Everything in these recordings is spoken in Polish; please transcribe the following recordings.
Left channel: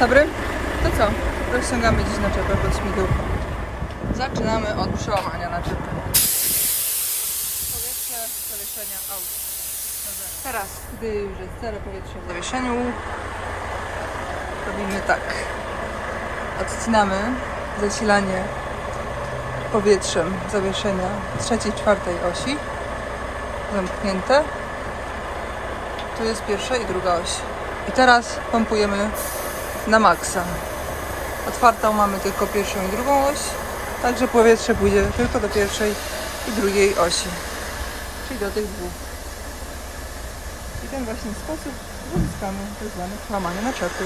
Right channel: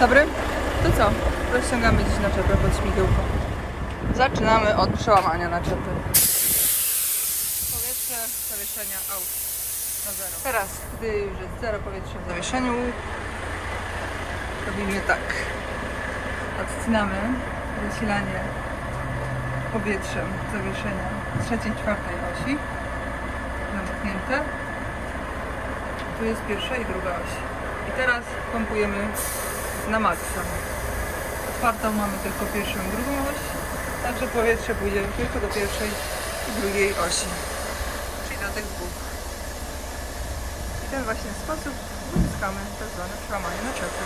Dobry? To co? Rozciągamy dziś naczepę pod śmigiełko. Zaczynamy od przełamania naczepy. Powietrze zawieszenia aut na zero. Teraz, gdy już jest zero powietrza w zawieszeniu, robimy tak. Odcinamy zasilanie powietrzem zawieszenia trzeciej, czwartej osi. Zamknięte. Tu jest pierwsza i druga oś. I teraz pompujemy na maksa. Otwartą mamy tylko pierwszą i drugą oś, także powietrze pójdzie tylko do pierwszej i drugiej osi, czyli do tych dwóch. I w ten właśnie sposób uzyskamy tak zwane przełamanie naczepy.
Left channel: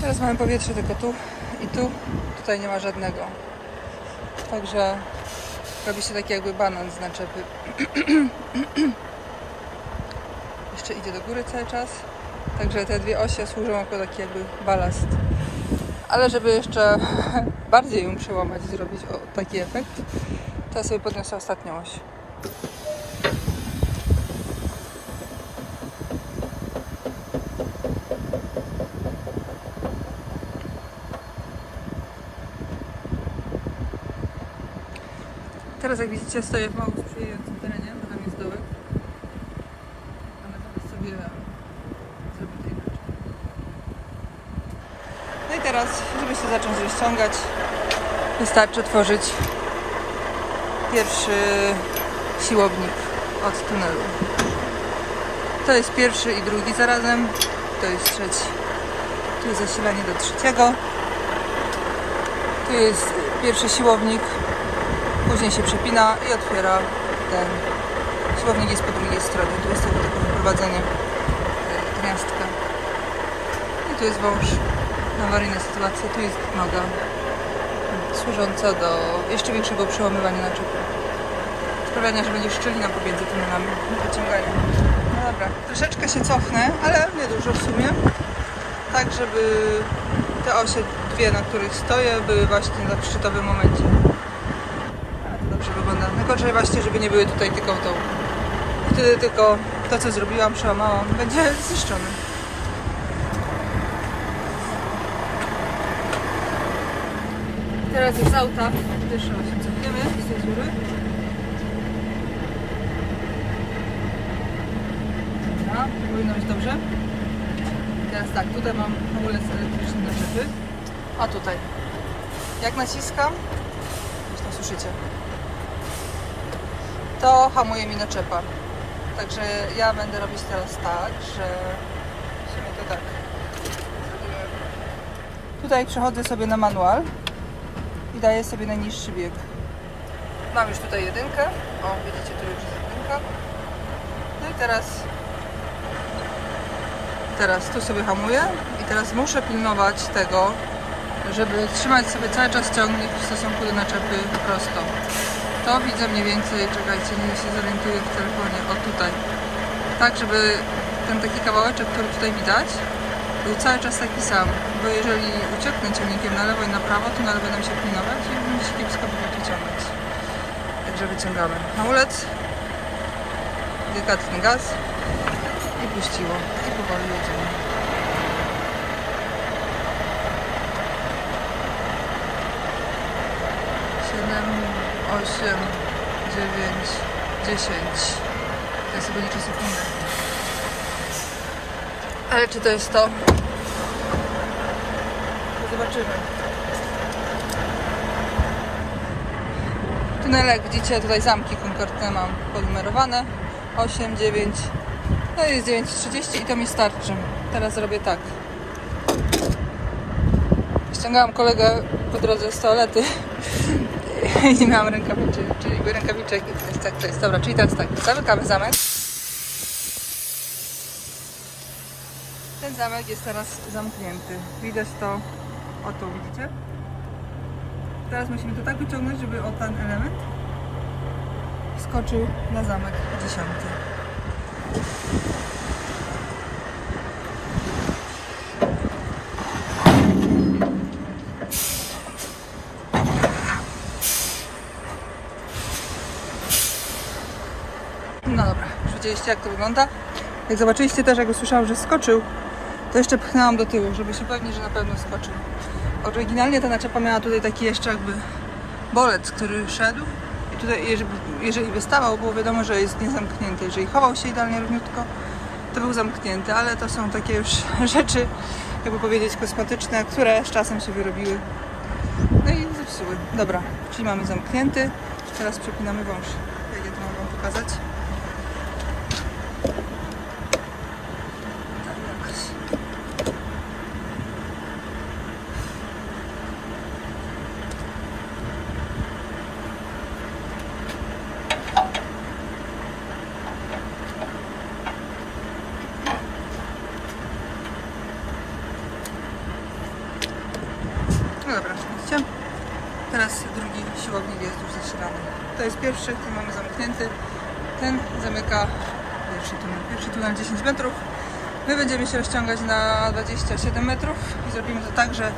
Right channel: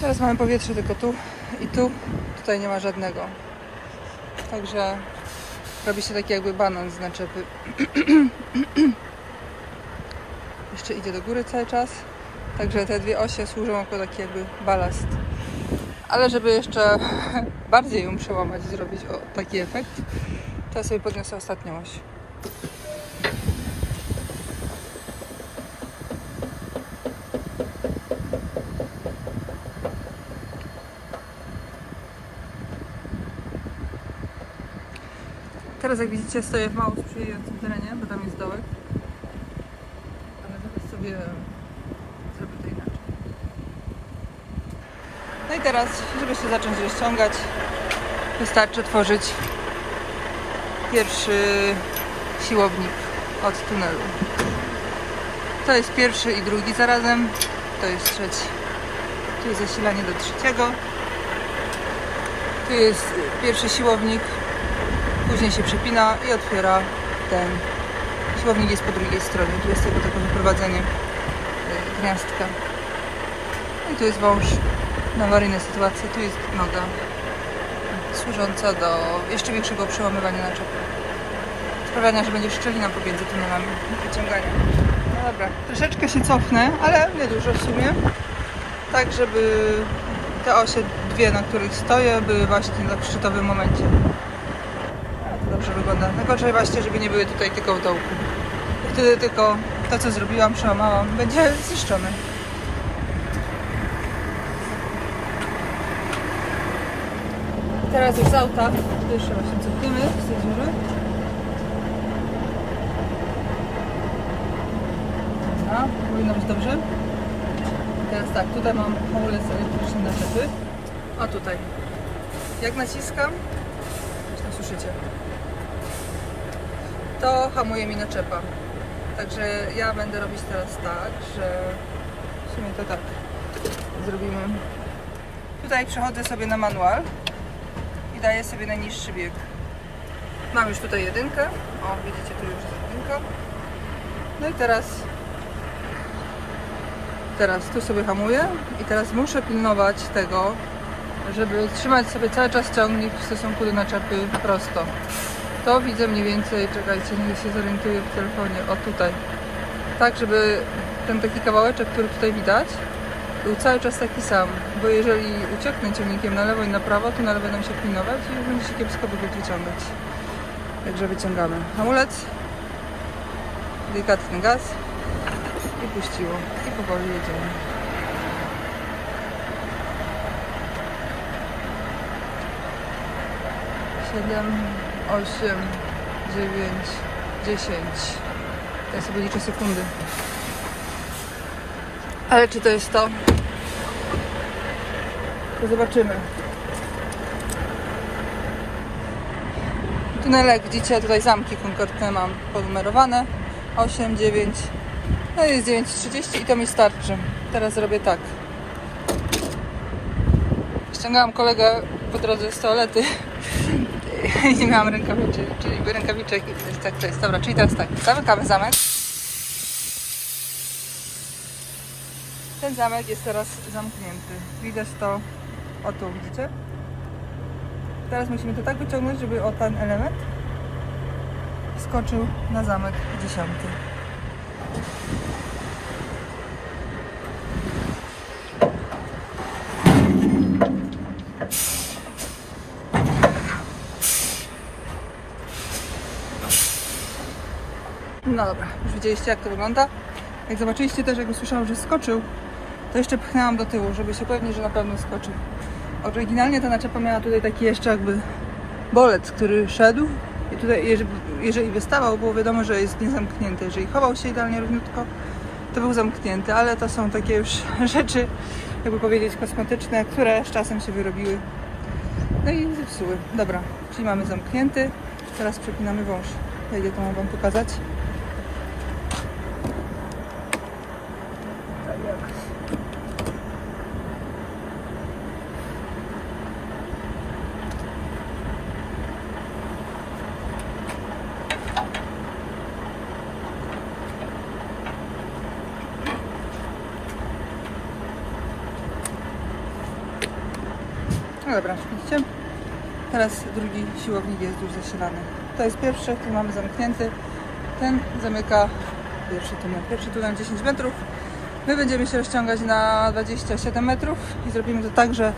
Teraz mamy powietrze tylko tu i tu. Tutaj nie ma żadnego. Także robi się taki jakby banan z naczepy. Jeszcze idzie do góry cały czas. Także te dwie osie służą jako taki jakby balast. Ale żeby jeszcze bardziej ją przełamać, zrobić taki efekt, to ja sobie podniosę ostatnią oś. Teraz jak widzicie, stoję w mało sprzyjającym terenie, bo tam jest dołek. Ale zaraz sobie zrobię to inaczej. No i teraz, żeby się zacząć rozciągać, wystarczy otworzyć pierwszy siłownik od tunelu. To jest pierwszy i drugi zarazem. To jest trzeci. Tu jest zasilanie do trzeciego. Tu jest pierwszy siłownik. Później się przypina i otwiera ten. Siłownik jest po drugiej stronie. Tu jest tylko takie wyprowadzenie gniazdka. I tu jest wąż na awaryjne sytuacje. Tu jest noga służąca do jeszcze większego przełamywania naczepy. Sprawiania, że będzie szczelina pomiędzy tunelami wyciągania. No dobra, troszeczkę się cofnę, ale nie dużo w sumie. Tak, żeby te osie dwie, na których stoję, były właśnie na szczytowym momencie. Dobrze wygląda. Najgorzej właśnie, żeby nie były tutaj tylko w dołku. Wtedy tylko to, co zrobiłam, przełamałam, będzie zniszczone. Teraz już z auta pierwsze właśnie cofniemy z tej dziury. Dobra, powinno być dobrze. Teraz tak, tutaj mam hamulec elektryczny naczepy. A tutaj, jak naciskam, zresztą słyszycie, to hamuje mi naczepa. Także ja będę robić teraz tak, że w sumie to tak zrobimy. Tutaj przechodzę sobie na manual i daję sobie najniższy bieg. Mam już tutaj jedynkę. O, widzicie, tu już jest jedynka. No i teraz tu sobie hamuję i teraz muszę pilnować tego, żeby trzymać sobie cały czas ciągnik w stosunku do naczepy prosto. To widzę mniej więcej, czekajcie, nie się zorientuję w telefonie, o tutaj. Tak, żeby ten taki kawałeczek, który tutaj widać, był cały czas taki sam, bo jeżeli ucieknę ciągnikiem na lewo i na prawo, to na lewo będę się pilnować i już będzie się kiepsko wyciągać. Także wyciągamy hamulec, delikatny gaz i puściło. I powoli jedziemy. Siedem, 8, 9, 10. Teraz sobie liczę sekundy. Ale czy to jest to? To zobaczymy. Tunele, widzicie, tutaj zamki konkretne mam ponumerowane. 8, 9. No i jest 9:30 i to mi starczy. Teraz zrobię tak. Ściągałam kolegę po drodze z toalety. I nie miałam rękawiczek, czyli rękawiczek i tak to jest. Dobra, czyli teraz tak, zamykamy zamek. Ten zamek jest teraz zamknięty. Widać to O tu, widzicie? Teraz musimy to tak wyciągnąć, żeby o ten element wskoczył na zamek 10. No dobra, już widzieliście, jak to wygląda. Jak zobaczyliście też, jak usłyszałam, że skoczył, to jeszcze pchnęłam do tyłu, żeby się upewnić, że na pewno skoczył. Oryginalnie ta naczepa miała tutaj taki jeszcze jakby bolec, który szedł i tutaj jeżeli wystawał, było wiadomo, że jest niezamknięty. Jeżeli chował się idealnie równiutko, to był zamknięty, ale to są takie już rzeczy, jakby powiedzieć, kosmetyczne, które z czasem się wyrobiły. No i zepsuły. Dobra, czyli mamy zamknięty. Teraz przepinamy wąż. Wejdę, to mam wam pokazać. Tak jakoś. No dobra, widzicie? Teraz drugi siłownik jest już zasilany. To jest pierwszy, ten mamy zamknięty. Ten zamyka pierwszy tunel 10 metrów. My będziemy się rozciągać na 27 metrów i zrobimy to tak, że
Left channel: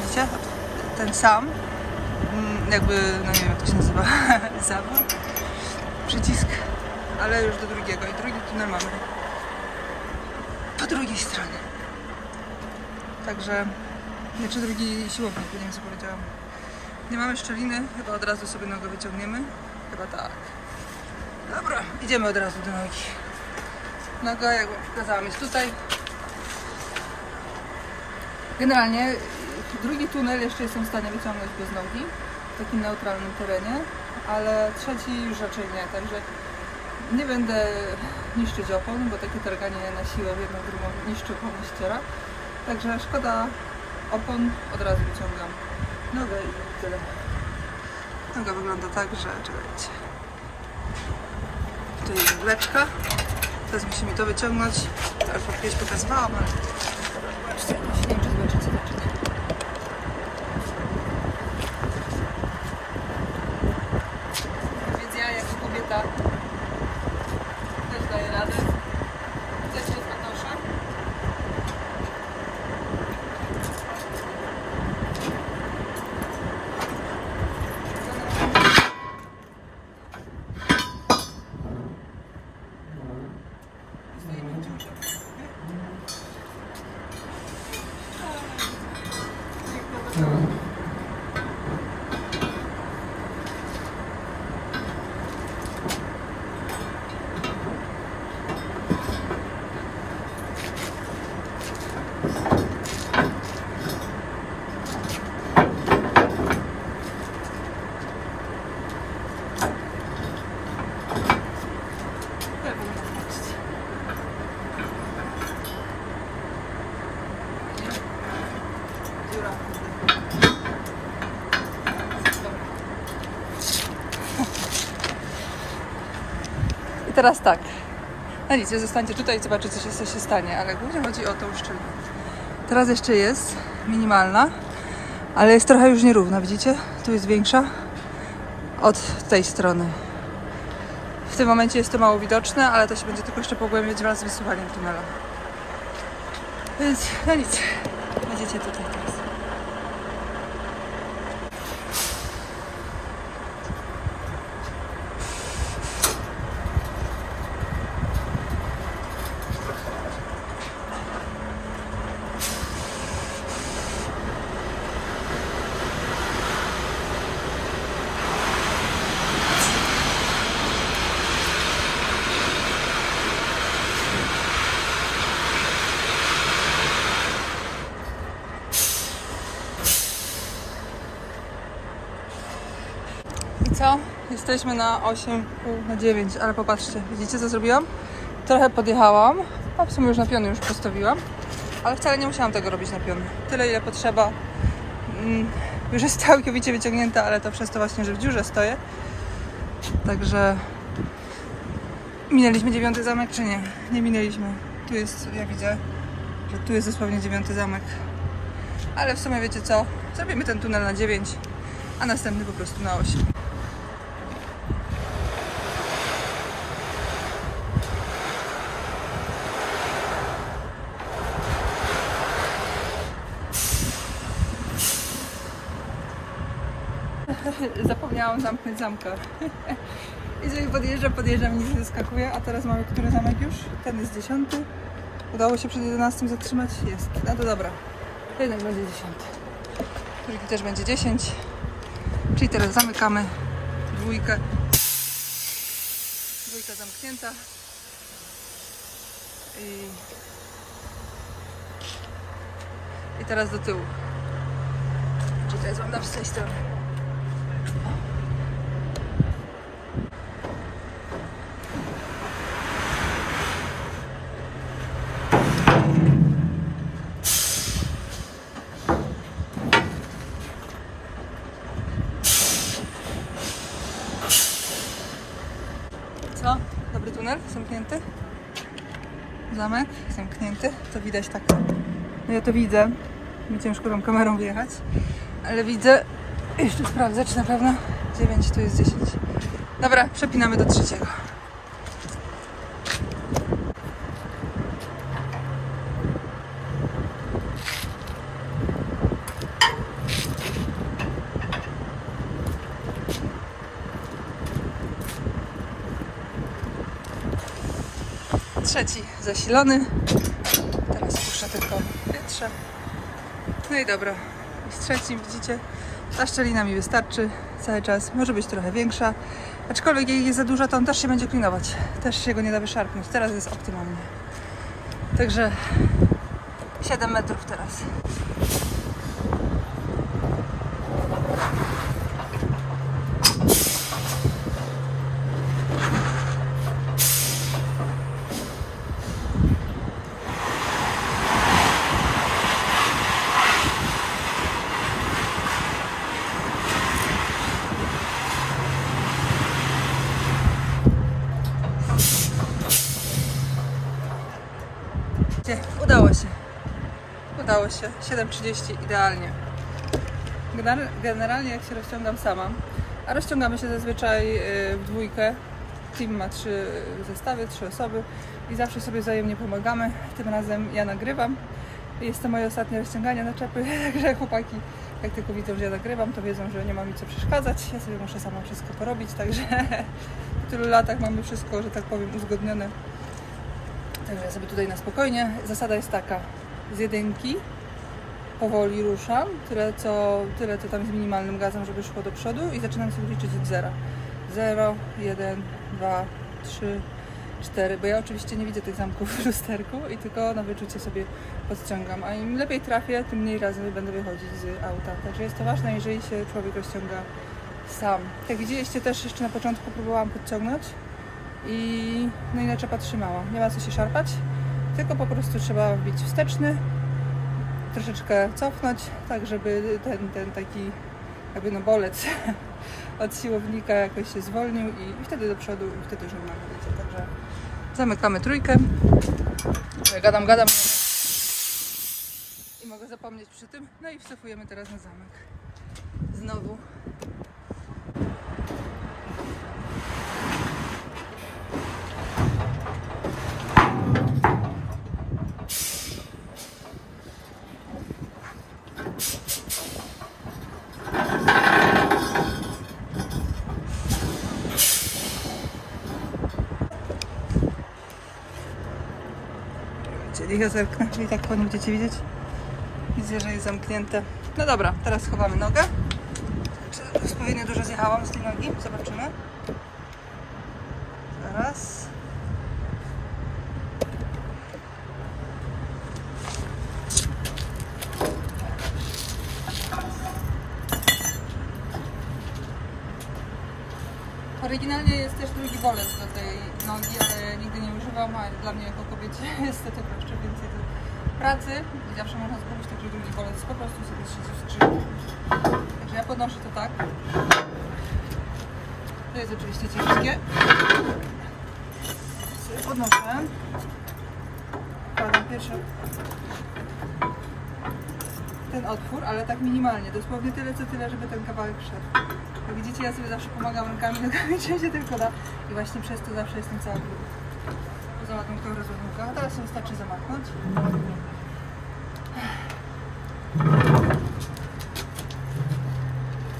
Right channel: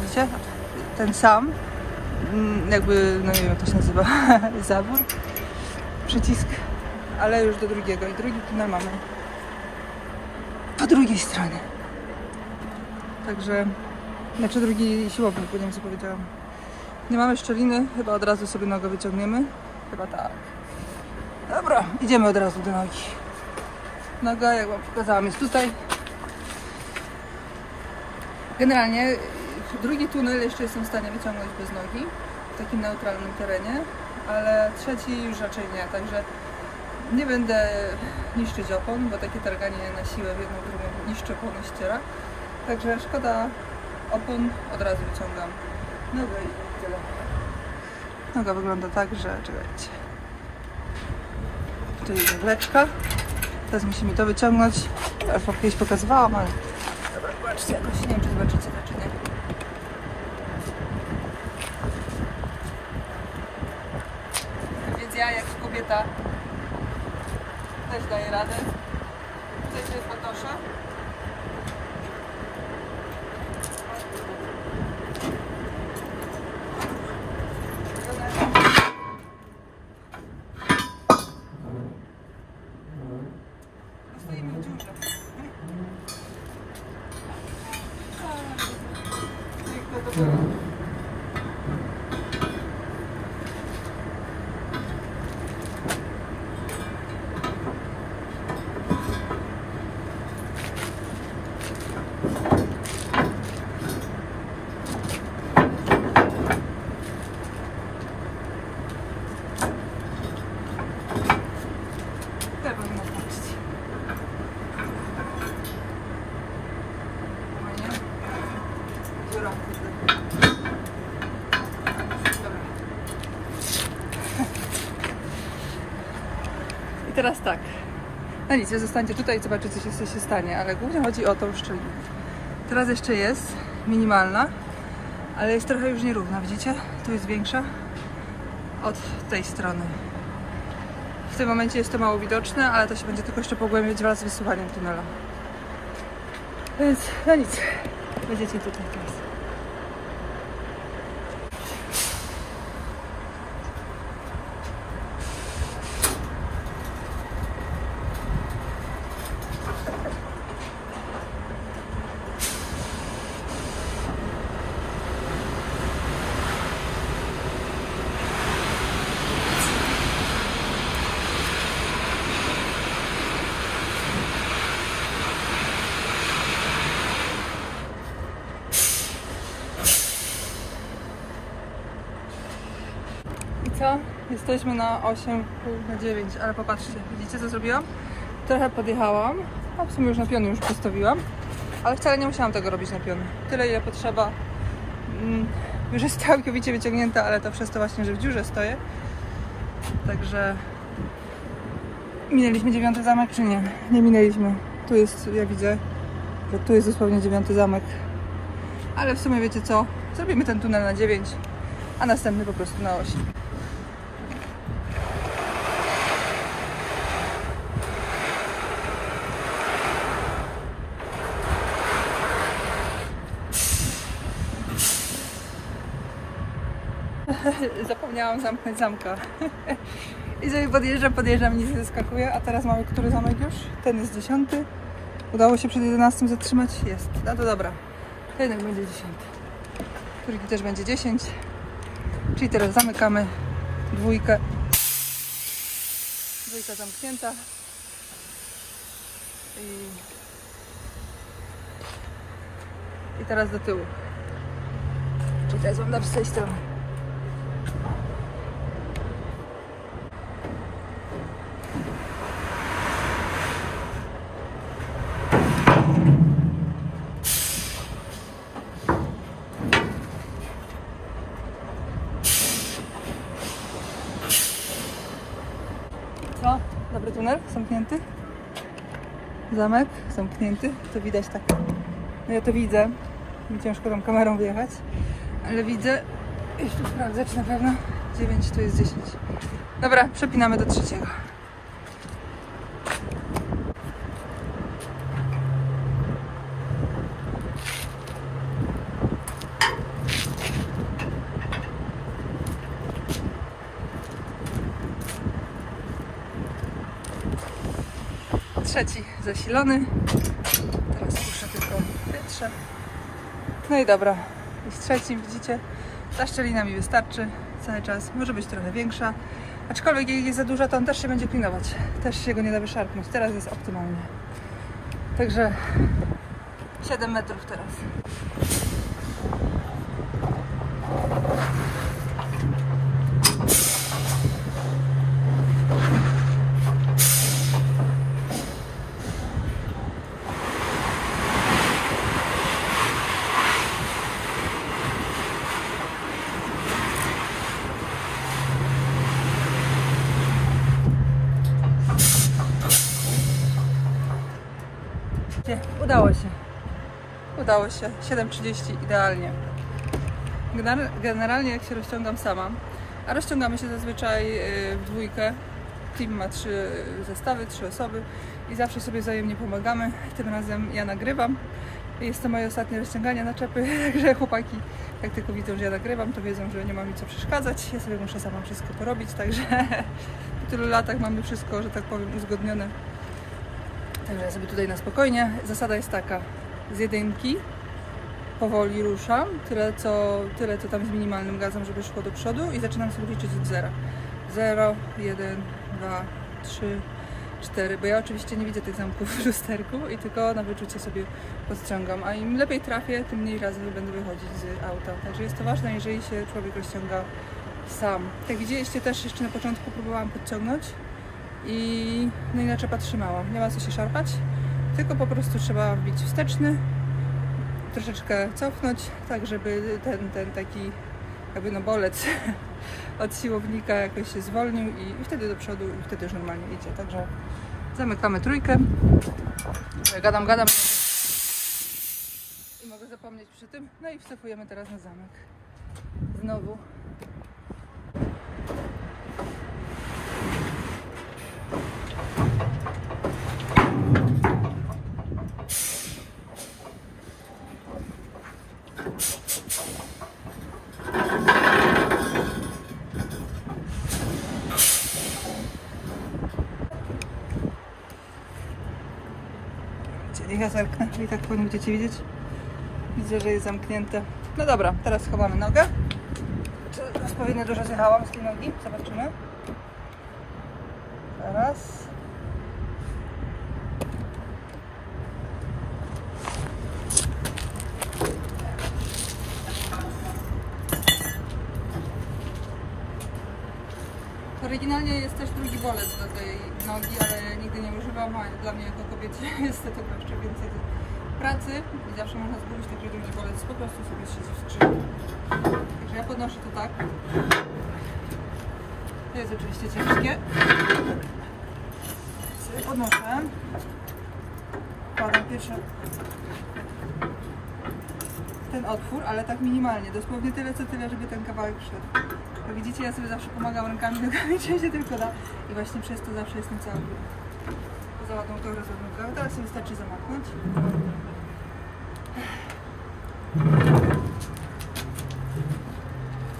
widzicie? Ten sam jakby, no nie wiem jak to się nazywa, zabór, przycisk, ale już do drugiego i drugi tunel mamy po drugiej stronie. Także znaczy drugi siłownik, bo nie wiem co powiedziałam. Nie mamy szczeliny, chyba od razu sobie nogę wyciągniemy. Chyba tak. Dobra, idziemy od razu do nogi. Noga, jak wam pokazałam, jest tutaj. Generalnie drugi tunel jeszcze jestem w stanie wyciągnąć bez nogi, w takim neutralnym terenie, ale trzeci już raczej nie, także nie będę niszczyć opon, bo takie targanie na siłę w jedną, drugą niszczy opony, ściera. Także szkoda opon, od razu wyciągam nogę i tyle. Noga wygląda tak, że czekajcie. Tutaj jest wleczka. Teraz musimy to wyciągnąć. Teraz jest pokazywałam, ale dobra, zobaczcie jakoś. Nie wiem, czy zobaczycie to, czy nie. Więc ja jako kobieta też daję radę. Tutaj się podnoszę. I teraz tak, no nic, zostańcie tutaj i zobaczycie, co się stanie, ale głównie chodzi o tą szczelinę. Teraz jeszcze jest minimalna, ale jest trochę już nierówna, widzicie? Tu jest większa od tej strony. W tym momencie jest to mało widoczne, ale to się będzie tylko jeszcze pogłębiać wraz z wysuwaniem tunela. Więc no nic, będziecie tutaj teraz. Co? Jesteśmy na 8,5 na 9, ale popatrzcie, widzicie co zrobiłam? Trochę podjechałam, a w sumie już na piony już postawiłam, ale wcale nie musiałam tego robić na piony. Tyle ile potrzeba. Już jest całkowicie wyciągnięta, ale to przez to właśnie, że w dziurze stoję. Także minęliśmy 9 zamek, czy nie? Nie minęliśmy. Tu jest, ja widzę, że tu jest dosłownie 9 zamek. ale w sumie wiecie co? Zrobimy ten tunel na 9, a następny po prostu na 8. Zapomniałam zamknąć zamka. I sobie podjeżdżam i nic nie zaskakuje. A teraz mamy który zamek już? Ten jest 10. Udało się przed 11 zatrzymać? Jest. No to dobra. To jednak będzie 10. Trójki też będzie 10. Czyli teraz zamykamy dwójkę. Dwójka zamknięta. I teraz do tyłu. Czekaj, wam dam z tej strony. Co? Dobry tunel? Zamknięty? Zamek? Zamknięty. To widać tak. No ja to widzę. Mi ciężko tą kamerą wyjechać. Ale widzę. Jeszcze sprawdzę, czy na pewno 9, tu jest 10. Dobra, przepinamy do 3. Trzeci zasilony. Teraz puszczę tylko powietrze. No i dobra. I z trzecim widzicie, ta szczelina mi wystarczy cały czas. Może być trochę większa. Aczkolwiek jak jest za duża, to on też się będzie klinować. Też się go nie da wyszarpnąć. Teraz jest optymalnie. Także 7 metrów teraz. Udało się. Udało się. 7:30 idealnie. Generalnie jak się rozciągam sama, a rozciągamy się zazwyczaj w dwójkę. Team ma 3 zestawy, 3 osoby i zawsze sobie wzajemnie pomagamy. Tym razem ja nagrywam. Jest to moje ostatnie rozciąganie na czepy, także chłopaki jak tylko widzą, że ja nagrywam, to wiedzą, że nie ma mi co przeszkadzać. Ja sobie muszę sama wszystko porobić, także po tylu latach mamy wszystko, że tak powiem, uzgodnione. Także ja sobie tutaj na spokojnie. Zasada jest taka, z 1 powoli ruszam, tyle co tam z minimalnym gazem, żeby szło do przodu i zaczynam sobie liczyć od 0. 0, 1, 2, 3, 4, bo ja oczywiście nie widzę tych zamków w lusterku i tylko na wyczucie sobie podciągam, a im lepiej trafię, tym mniej razy będę wychodzić z auta. Także jest to ważne, jeżeli się człowiek rozciąga sam. Jak widzieliście też jeszcze na początku próbowałam podciągnąć no i naczepa trzymała. Nie ma co się szarpać, tylko po prostu trzeba wbić wsteczny, troszeczkę cofnąć, tak żeby ten taki jakby no bolec od siłownika jakoś się zwolnił i wtedy do przodu i wtedy już normalnie idzie. Także zamykamy trójkę. Gadam i mogę zapomnieć przy tym. No i wcofujemy teraz na zamek. Znowu. Niech ja zerknę i tak po nim będziecie widzieć. Widzę, że jest zamknięte. No dobra, teraz schowamy nogę. Czy odpowiednio dużo zjechałam z tej nogi? Zobaczymy. Zaraz. Oryginalnie jest też drugi bolec do tej nogi, ale nigdy nie używam, a dla mnie jako kobiecie jest to jeszcze więcej pracy i zawsze można zgubić, także drugi bolec po prostu sobie siedzi w skrzyni. Także ja podnoszę to tak. To jest oczywiście ciężkie. Sobie podnoszę. Wkładam pierwsze. ten otwór, ale tak minimalnie, dosłownie tyle, żeby ten kawałek szedł. Jak widzicie, ja sobie zawsze pomagam rękami, nogami, czy się tylko da i właśnie przez to zawsze jest ten cały brud. Poza ładną tą rozładunką, a teraz się wystarczy zamachnąć.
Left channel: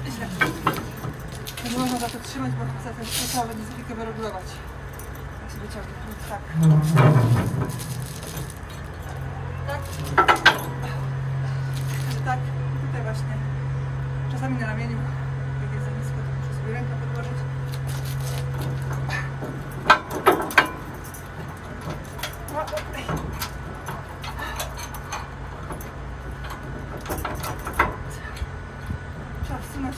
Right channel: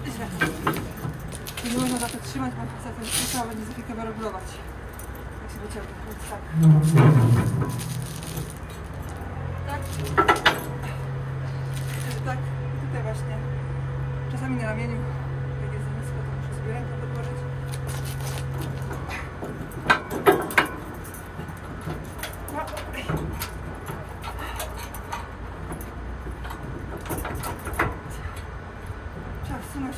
Źle. To nie można za to trzymać, bo za to trzeba będzie za chwilkę wyregulować. Jak się wyciągnie, więc tak. Tak. Tak. I tutaj właśnie. Czasami na ramieniu, jak jest za nisko, to muszę sobie rękę podłożyć. Trzeba wsunąć.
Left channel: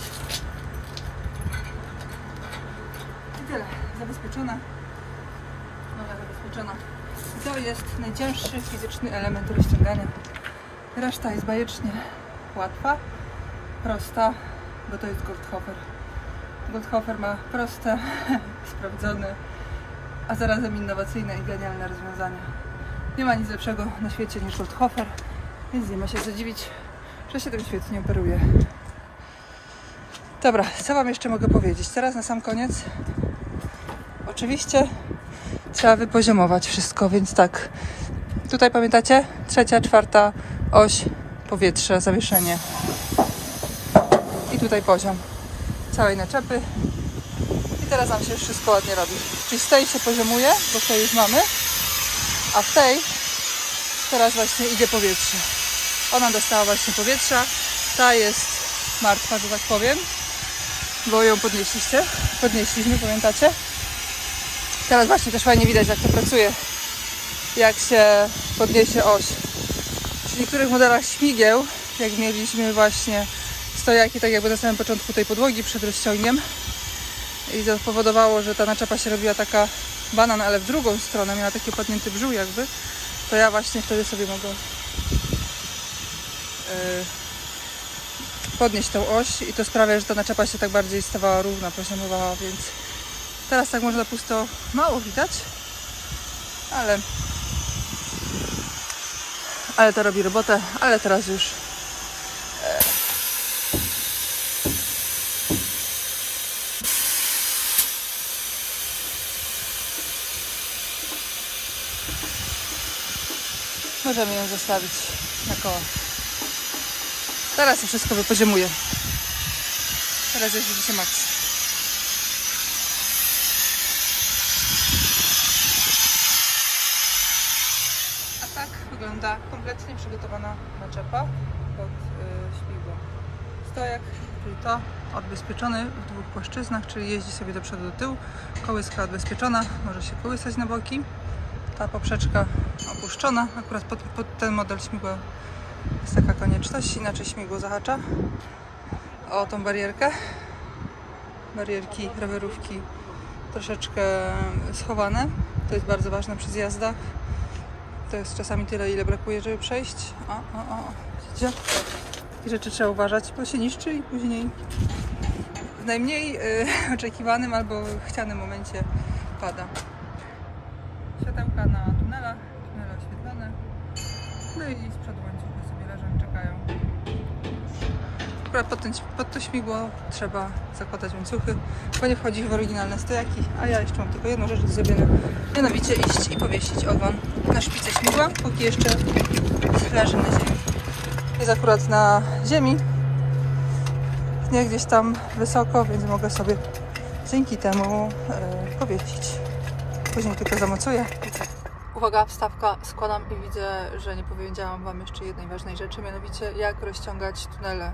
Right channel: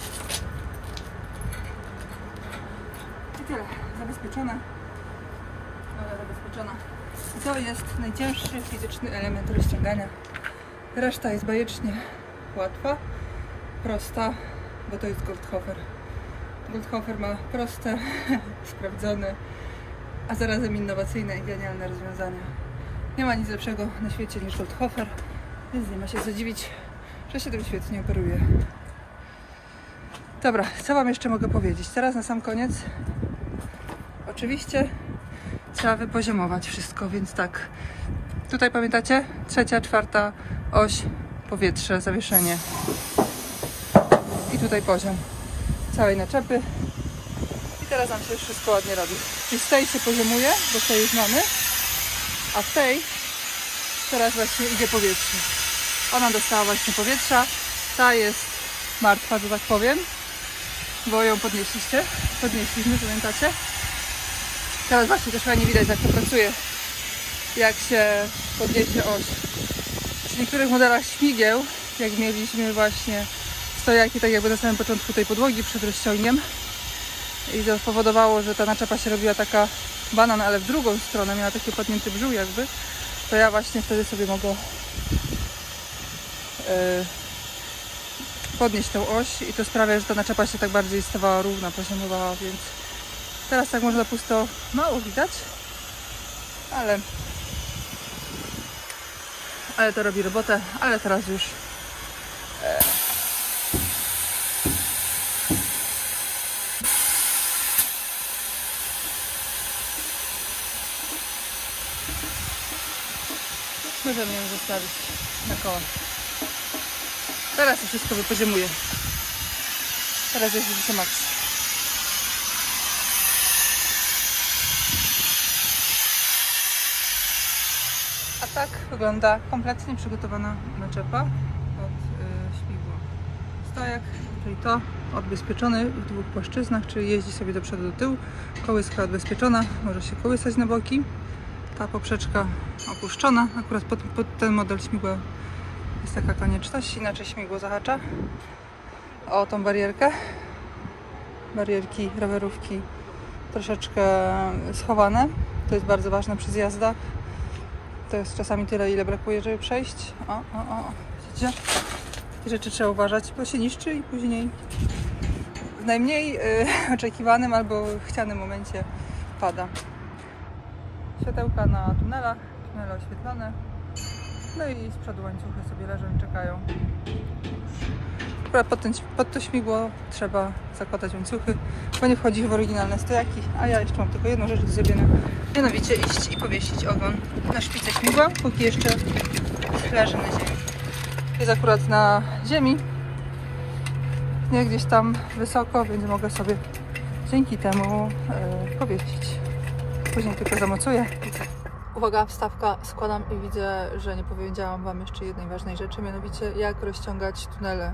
I tyle. Zabezpieczona. Noga zabezpieczona. I to jest najcięższy fizyczny element rozciągania. Reszta jest bajecznie łatwa, prosta, bo to jest Goldhofer. Goldhofer ma proste, sprawdzone, a zarazem innowacyjne i genialne rozwiązania. Nie ma nic lepszego na świecie niż Goldhofer, więc nie ma się co dziwić, że się tym świetnie operuje. Dobra, co Wam jeszcze mogę powiedzieć? Teraz na sam koniec. Oczywiście trzeba wypoziomować wszystko, więc tak. Tutaj pamiętacie? 3., 4. oś, powietrze, zawieszenie. I tutaj poziom całej naczepy. I teraz nam się już wszystko ładnie robi. Czyli z tej się poziomuje, bo w tej już mamy, a w tej teraz właśnie idzie powietrze. Ona dostała właśnie powietrza. Ta jest martwa, że tak powiem, bo ją podnieśliśmy, pamiętacie? Teraz właśnie też fajnie widać, jak to pracuje, jak się podniesie oś. W niektórych modelach śmigieł, jak mieliśmy właśnie stojaki, tak jakby na samym początku tej podłogi przed rozciągiem, i to powodowało, że ta naczepa się robiła taka banan, ale w drugą stronę, miała taki opadnięty brzuch jakby, to ja właśnie wtedy sobie mogę podnieść tą oś i to sprawia, że ta naczepa się tak bardziej stawała równa, poziomowała, więc teraz tak można pusto mało widać, ale to robi robotę, ale teraz już możemy ją zostawić na kołach. Teraz się wszystko wypoziomuje. Teraz jest widzicie maks. A tak wygląda kompletnie przygotowana naczepa pod śmigło. Stojak, czyli to odbezpieczony w 2 płaszczyznach, czyli jeździ sobie do przodu, do tyłu. Kołyska odbezpieczona, może się kołysać na boki. Ta poprzeczka opuszczona, akurat pod ten model śmigła jest taka konieczność, inaczej śmigło zahacza o tą barierkę. Barierki rowerówki troszeczkę schowane, to jest bardzo ważne przy zjazdach. To jest czasami tyle, ile brakuje, żeby przejść. O, widzicie? Takie rzeczy trzeba uważać, bo się niszczy i później w najmniej oczekiwanym albo chcianym momencie pada. Światełka na tunelach, tunele oświetlone. No i z przodu łańcuchy sobie leżą i czekają. Pod to śmigło trzeba zakładać łańcuchy, bo nie wchodzi w oryginalne stojaki. A ja jeszcze mam tylko jedną rzecz do zrobienia. Mianowicie iść i powiesić ogon na szpicę śmigła, póki jeszcze leży na ziemi. Jest akurat na ziemi, nie gdzieś tam wysoko, więc mogę sobie dzięki temu powiesić. Później tylko zamocuję. Uwaga, wstawka, składam i widzę, że nie powiedziałam Wam jeszcze jednej ważnej rzeczy, mianowicie jak rozciągać tunele.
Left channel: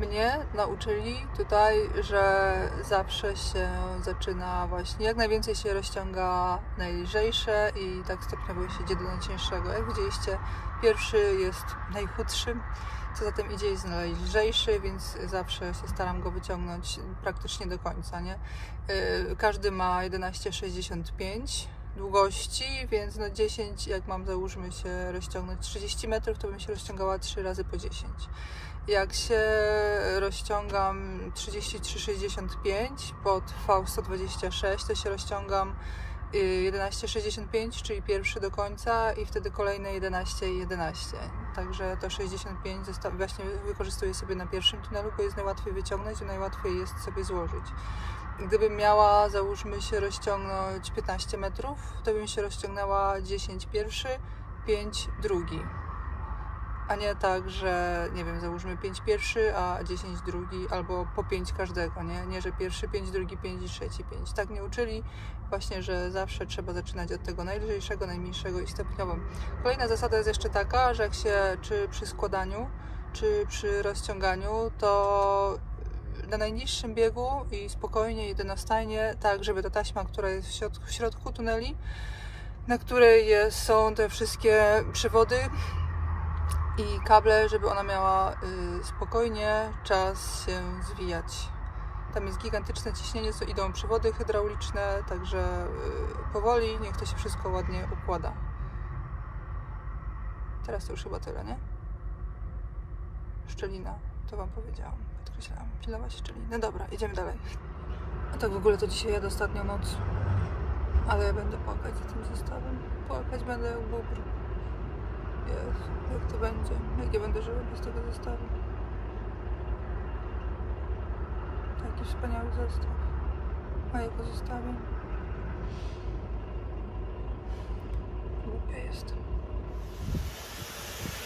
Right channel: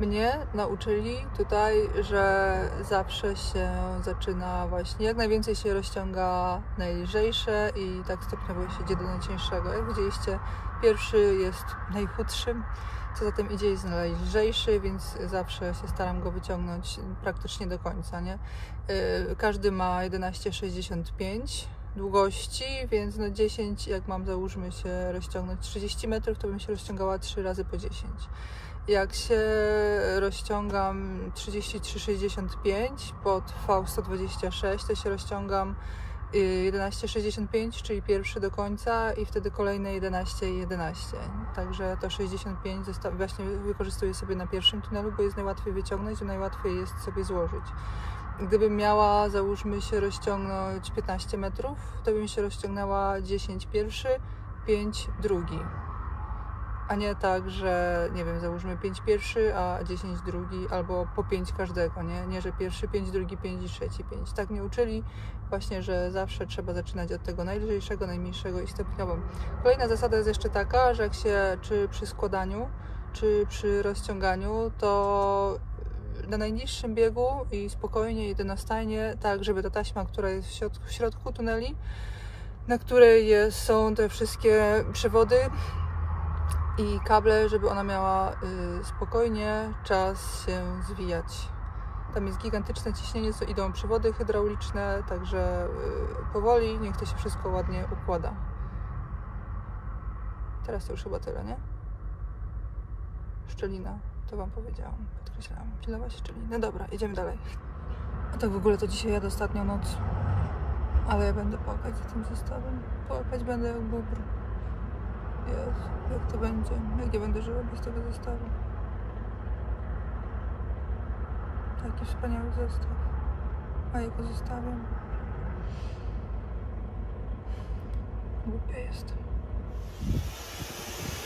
Mnie nauczyli tutaj, że zawsze się zaczyna właśnie, jak najwięcej się rozciąga najlżejsze i tak stopniowo się idzie do najcieńszego. Jak widzieliście, pierwszy jest najchudszym, co za tym idzie jest najlżejszy, więc zawsze się staram go wyciągnąć praktycznie do końca, nie? Każdy ma 11,65 długości, więc no 10, jak mam załóżmy się rozciągnąć 30 metrów, to bym się rozciągała 3 razy po 10. Jak się rozciągam 33,65 pod V126, to się rozciągam 11,65, czyli pierwszy do końca i wtedy kolejne 11,11. Także to 65 właśnie wykorzystuję sobie na pierwszym tunelu, bo jest najłatwiej wyciągnąć i najłatwiej jest sobie złożyć. Gdybym miała, załóżmy się, rozciągnąć 15 metrów, to bym się rozciągnęła 10 pierwszy, 5 drugi. A nie tak, że nie wiem, załóżmy 5 pierwszy, a 10 drugi, albo po 5 każdego, nie, że pierwszy 5, drugi 5 i trzeci 5. Tak mnie uczyli właśnie, że zawsze trzeba zaczynać od tego najlżejszego, najmniejszego i stopniową. Kolejna zasada jest jeszcze taka, że jak się, czy przy składaniu, czy przy rozciąganiu, to na najniższym biegu i spokojnie, jednostajnie, tak żeby ta taśma, która jest w środku tuneli, na której są te wszystkie przewody i kable, żeby ona miała spokojnie czas się zwijać. Tam jest gigantyczne ciśnienie, co idą przewody hydrauliczne, także powoli, niech to się wszystko ładnie układa. Teraz to już chyba tyle, nie? Szczelina, to wam powiedziałam, podkreślałam, pilnować szczeliny. No dobra, idziemy dalej. A tak w ogóle to dzisiaj jadę ostatnią noc, ale ja będę płakać za tym zestawem. Płakać będę jak bóbr. Jezu, jak to będzie? Jak nie będę żyła bez tego zestawu? Taki wspaniały zestaw. A ja go zostawiam. Głupia jestem.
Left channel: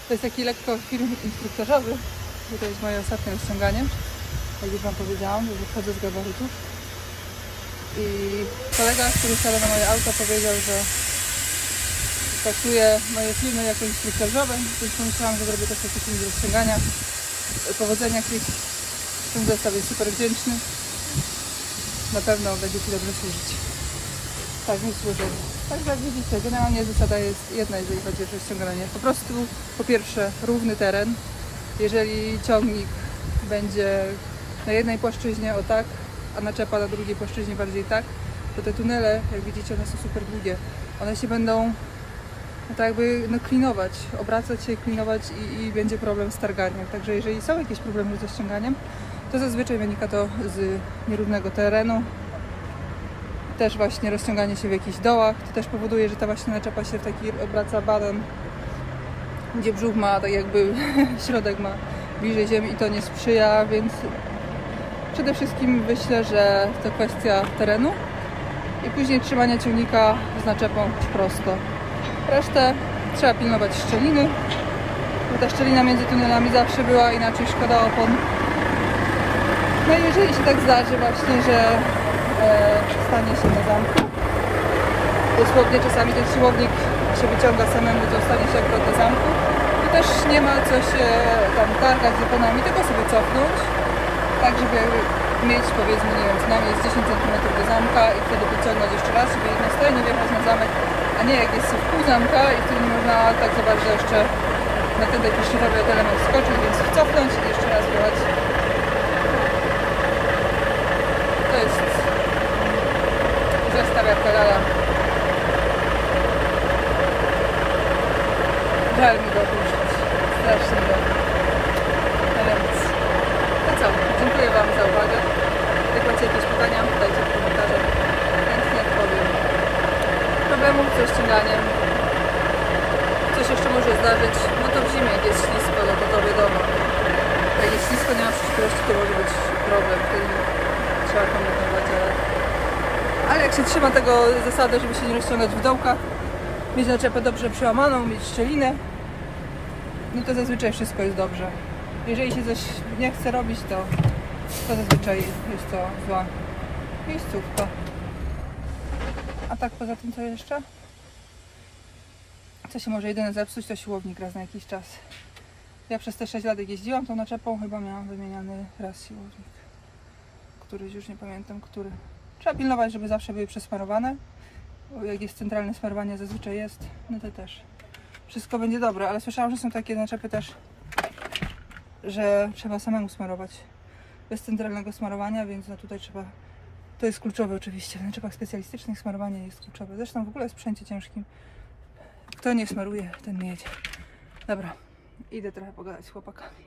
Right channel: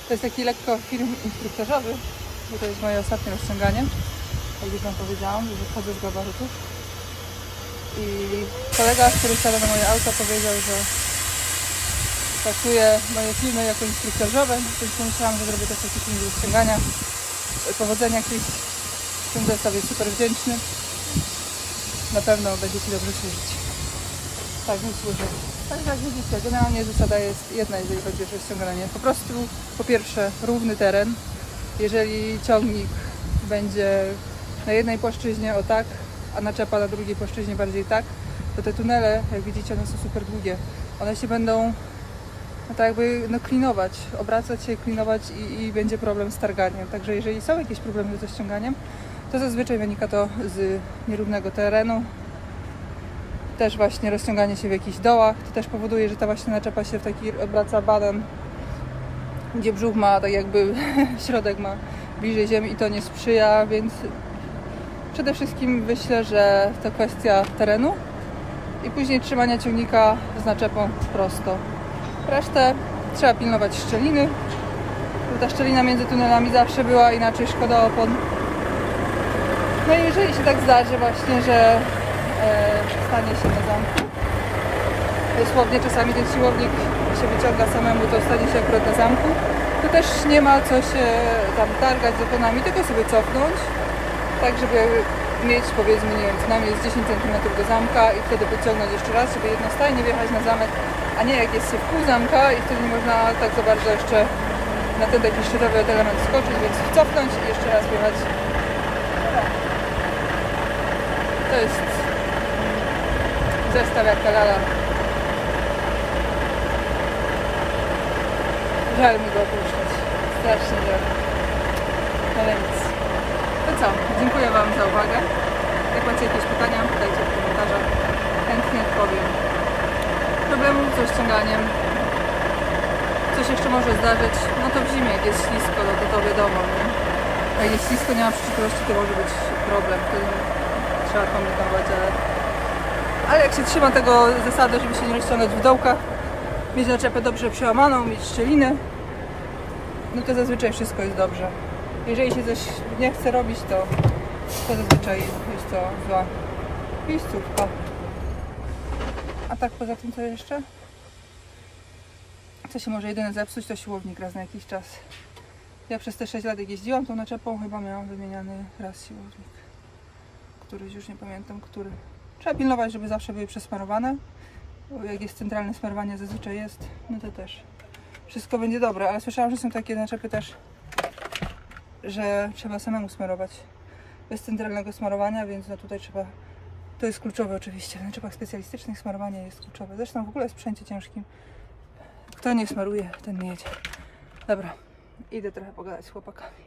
To jest taki lekko film instruktażowy, bo to jest moje ostatnie rozciąganie. Jak już wam powiedziałam, że wychodzę z gabarytów. I kolega, który siada na moje auto, powiedział, że traktuje moje filmy jako instruktażowe, więc pomyślałam, że zrobię też taki film z rozciągania. Powodzenia, Chris. Ten zestaw jest super wdzięczny. Na pewno będzie ci dobrze służyć. Tak mi służy. Także jak widzicie, generalnie zasada jest jedna, jeżeli chodzi o rozciąganie. Po prostu, po pierwsze, równy teren. Jeżeli ciągnik będzie na jednej płaszczyźnie o tak, a naczepa na drugiej płaszczyźnie bardziej tak, to te tunele, jak widzicie, one są super długie. One się będą tak jakby klinować, obracać się, klinować i będzie problem z targaniem. Także jeżeli są jakieś problemy z rozciąganiem, to zazwyczaj wynika to z nierównego terenu. Też właśnie rozciąganie się w jakichś dołach, to też powoduje, że ta właśnie naczepa się taki obraca banan, gdzie brzuch ma, tak jakby środek ma bliżej ziemi i to nie sprzyja, więc przede wszystkim myślę, że to kwestia terenu i później trzymania ciągnika z naczepą prosto. Resztę trzeba pilnować szczeliny, bo ta szczelina między tunelami zawsze była, inaczej szkoda opon. No i jeżeli się tak zdarzy właśnie, że stanie się na zamku, dosłownie czasami ten siłownik się wyciąga samemu, to stanie się akurat na zamku, to też nie ma co się tam targać z oponami, tylko sobie cofnąć, tak żeby mieć, powiedzmy, nie wiem, co najmniej jest 10 cm do zamka i wtedy wyciągnąć jeszcze raz, żeby jednostajnie wjechać na zamek, a nie jak jest w pół zamka i wtedy nie można tak za bardzo jeszcze na ten taki szczytowy element skoczyć, więc cofnąć i jeszcze raz wjechać. To jest zestaw jak lala. Żal mi go opuszczać. Strasznie żal. Ale nic. To co? Dziękuję wam za uwagę. Jak macie jakieś pytania, dajcie w komentarzach. Chętnie odpowiem. Problemów z rozciąganiem. Coś jeszcze może zdarzyć. No to w zimie, jak jest ślisko, no to wiadomo. Jak jest ślisko, nie ma przyczepności, to może być problem. Wtedy trzeba kombinować, ale jak się trzyma tego zasady, żeby się nie rozciągać w dołkach, mieć naczepę dobrze przełamaną, mieć szczelinę, no to zazwyczaj wszystko jest dobrze. Jeżeli się coś nie chce robić, to zazwyczaj jest to zła miejscówka. A tak poza tym co jeszcze? Co się może jedynie zepsuć, to siłownik raz na jakiś czas. Ja przez te 6 lat jak jeździłam tą naczepą, chyba miałam wymieniany raz siłownik. Któryś, już nie pamiętam, który. Trzeba pilnować, żeby zawsze były przesmarowane. Bo jak jest centralne smarowanie, zazwyczaj jest, no to też wszystko będzie dobre. Ale słyszałam, że są takie naczepy też, że trzeba samemu smarować bez centralnego smarowania, więc no tutaj trzeba, to jest kluczowe oczywiście. W naczepach specjalistycznych smarowanie jest kluczowe. Zresztą w ogóle w sprzęcie ciężkim, kto nie smaruje, ten nie jedzie. Dobra, idę trochę pogadać z chłopakami.